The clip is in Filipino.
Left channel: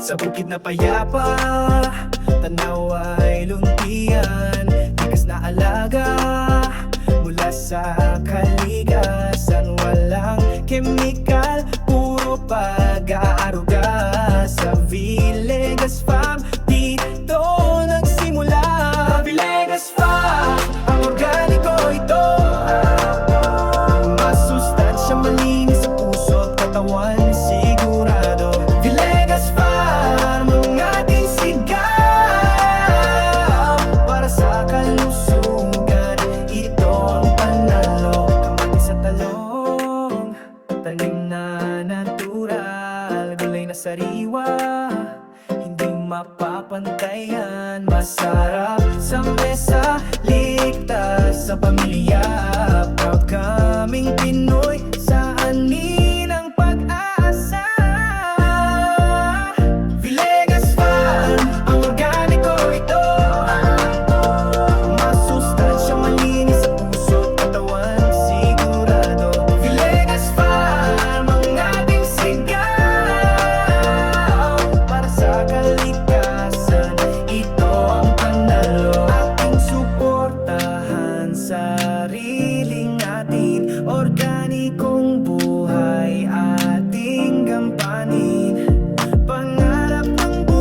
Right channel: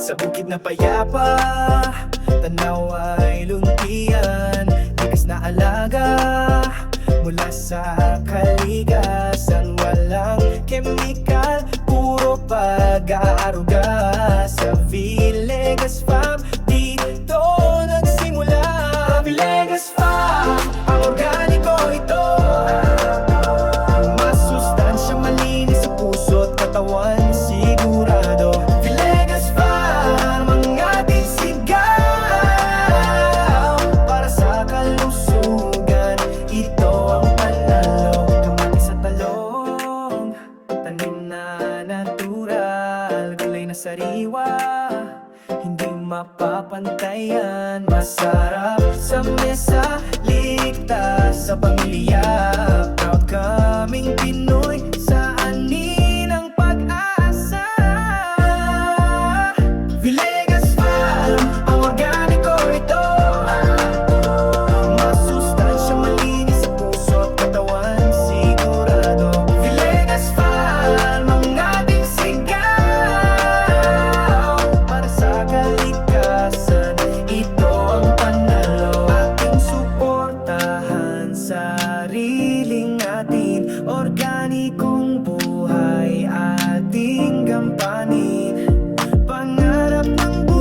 Sa bukid na payapa, tanaw ay luntian. Likas na alaga, mula sa kalikasan. Walang kemikal, puro pag-aaruga. Sa Villegas Farm, dito nagsimula. Villegas Farm, ang organiko ito. Masustansya, malinis sa puso't katawan, sigurado. Villegas Farm, ang ating sigaw. Para sa kalusugan, ito ang panalo. Kamatis sa talong, tanim na natural. Gulay na sariwa, hindi mapapantayan. Masarap sa mesa, ligtas sa pamilya. Proud kaming Pinoy, sa anin ang pag-asa. Villegas Farm, ang organiko ito. Masustansya, malinis sa puso't katawan, sigurado. Villegas Farm, ang ating sigaw. Para sa kalikasan, ito ang panalo. Ating suportahan, sariling atin. Organikong buhay, ating gampanin. Pangarap ng buhay,